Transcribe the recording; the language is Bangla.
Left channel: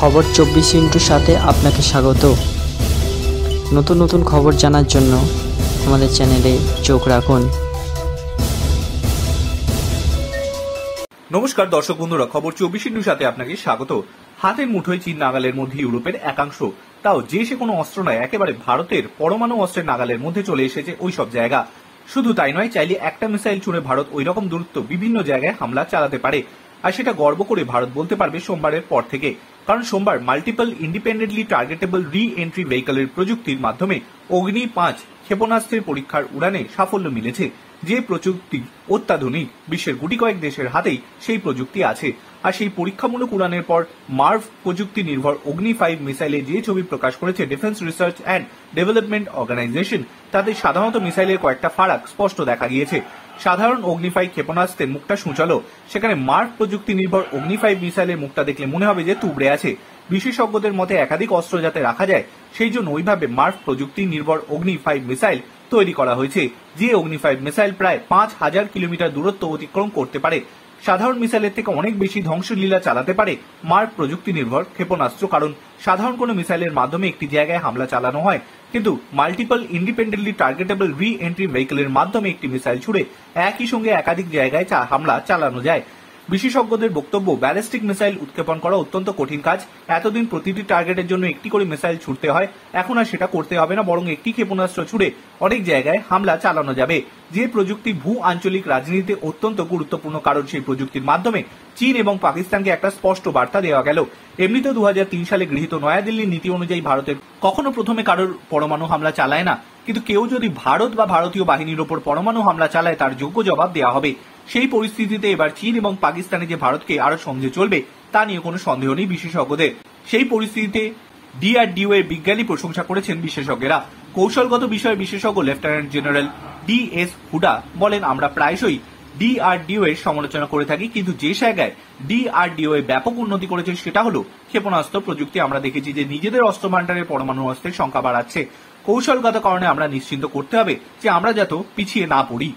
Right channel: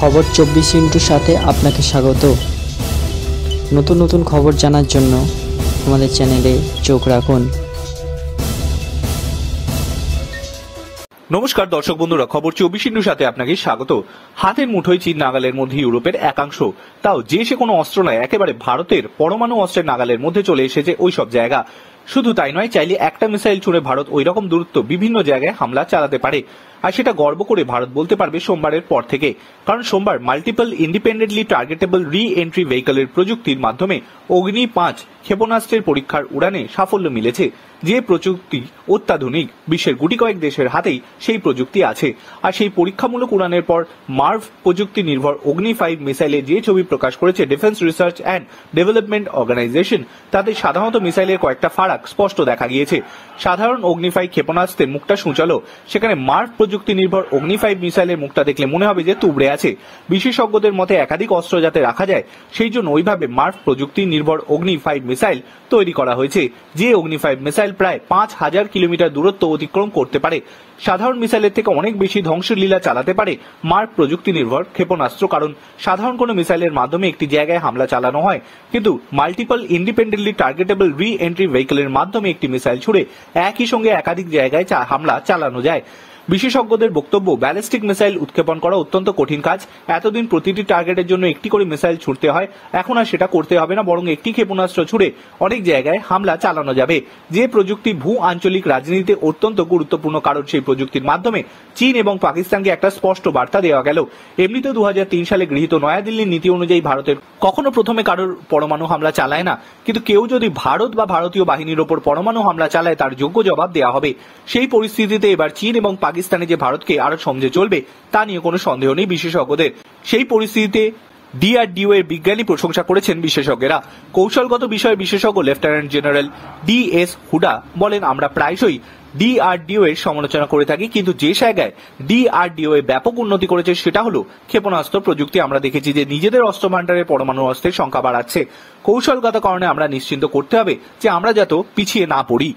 খবর 24 সাথে আপনাকে স্বাগত। নতুন নতুন খবর জানার জন্য আমাদের চ্যানেলে চোখ রাখুন। নমস্কার দর্শক বন্ধুরা, খবর 24 সাথে আপনাকে স্বাগত। হাতের মুঠোয় চীন নাগালের মধ্যে ইউরোপের একাংশ, তাও যে সে কোনো অস্ত্র নয়, একেবারে ভারতের পরমাণু অস্ত্রের নাগালের মধ্যে চলে এসেছে ওই সব জায়গা। শুধু তাই নয়, চাইলে একটা মিসাইল ছুড়ে ভারত ওই রকম দূরত্ব বিভিন্ন জায়গায় হামলা চালাতে পারে। আর সেটা গর্ব করে ভারত বলতে পারবে সোমবারের পর থেকে, কারণ সোমবার মাল্টিপল ইন্ডিপেন্ডেন্টলি টার্গেটেবল রি এন্ট্রি ভেহিকলের প্রযুক্তির মাধ্যমে অগ্নি-5 ক্ষেপণাস্ত্রের পরীক্ষার উড়ানে সাফল্য মিলেছে। যে প্রযুক্তি অত্যাধুনিক, বিশ্বের গুটি কয়েক দেশের হাতেই সেই প্রযুক্তি আছে। আর সেই পরীক্ষামূলক উড়ানের পর মার্ভ প্রযুক্তি নির্ভর অগ্নি-5 মিসাইলে যে ছবি প্রকাশ করেছে defence research and development organisation, তাতে সাধারণত মিসাইলের কয়েকটা ফারাক স্পষ্ট দেখা গিয়েছে। সাধারণ অগ্নি-5 ক্ষেপণাস্ত্রের মুখটা সূচালো, সেখানে মার্ভ প্রযুক্তি নির্ভর অগ্নি-5 মিসাইলের মুখটা দেখলে মনে হবে যে তুবড়ে আছে। বিশেষজ্ঞদের মতে একাধিক অস্ত্র যাতে রাখা যায়, সেই জন্য ওইভাবে মার্ভ প্রযুক্তি নির্ভর অগ্নি-5 মিসাইল তৈরি করা হয়েছে। যে অগ্নি-5 মিসাইল প্রায় 5000 কিলোমিটার দূরত্ব অতিক্রম করতে পারে। সাধারণ মিসাইলের থেকে অনেক বেশি ধ্বংসলীলা চালাতে পারে মার্ভ প্রযুক্তি নির্ভর ক্ষেপণাস্ত্র, কারণ সাধারণ কোনো মিসাইলের মাধ্যমে একটি জায়গায় হামলা চালানো হয়, কিন্তু মাল্টিপল ইন্ডিপেন্ডেন্টলি টার্গেটেবল রি এন্ট্রি ভেহিকলের মাধ্যমে একটি মিসাইল ছুড়ে একই সঙ্গে একাধিক জায়গায় হামলা চালানো যায়। বিশেষজ্ঞদের বক্তব্য, ব্যালিস্টিক মিসাইল উৎক্ষেপণ করা অত্যন্ত কঠিন কাজ। এতদিন প্রতিটি টার্গেটের জন্য একটি করে মিসাইল ছুড়তে হয়, এখন আর সেটা করতে হবে না, বরং একটি ক্ষেপণাস্ত্র ছুড়ে অনেক জায়গায় হামলা চালানো যাবে। যে প্রযুক্তি ভূ আঞ্চলিক রাজনীতিতে অত্যন্ত গুরুত্বপূর্ণ, কারণ সেই প্রযুক্তির মাধ্যমে চীন এবং পাকিস্তানকে একটা স্পষ্ট বার্তা দেওয়া গেল। এমনিতে 2003 সালে গৃহীত নয়াদিল্লির নীতি অনুযায়ী ভারতের কখনো প্রথমে কারোর পরমাণু হামলা চালায় না, কিন্তু কেউ যদি ভারত বা ভারতীয় বাহিনীর ওপর পরমাণু হামলা চালায় তার যোগ্য জবাব দেওয়া হবে। সেই পরিস্থিতিতে এবার চীন এবং পাকিস্তানে যে ভারতকে আরো সমঝে চলবে তা নিয়ে কোনো সন্দেহ নেই বিশেষজ্ঞদের। সেই পরিস্থিতিতে ডিআরডিও এর বিজ্ঞানী প্রশংসা করেছেন বিশেষজ্ঞরা। কৌশলগত বিষয়ে বিশেষজ্ঞ লেফটেন্যান্ট জেনারেল ডিএস হুডা বলেন, আমরা প্রায়শই ডিআরডিও এর সমালোচনা করে থাকি, কিন্তু যে জায়গায় ডিআরডিও এর ব্যাপক উন্নতি করেছে সেটা হলো ক্ষেপণাস্ত্র প্রযুক্তি। আমরা দেখেছি যে নিজেদের অস্ত্র ভান্ডারে পরমাণু অস্ত্রের সংখ্যা বাড়াচ্ছে। কৌশলগত কারণে আমরা নিশ্চিন্ত করতে হবে যে আমরা যাতে পিছিয়ে না পড়ি।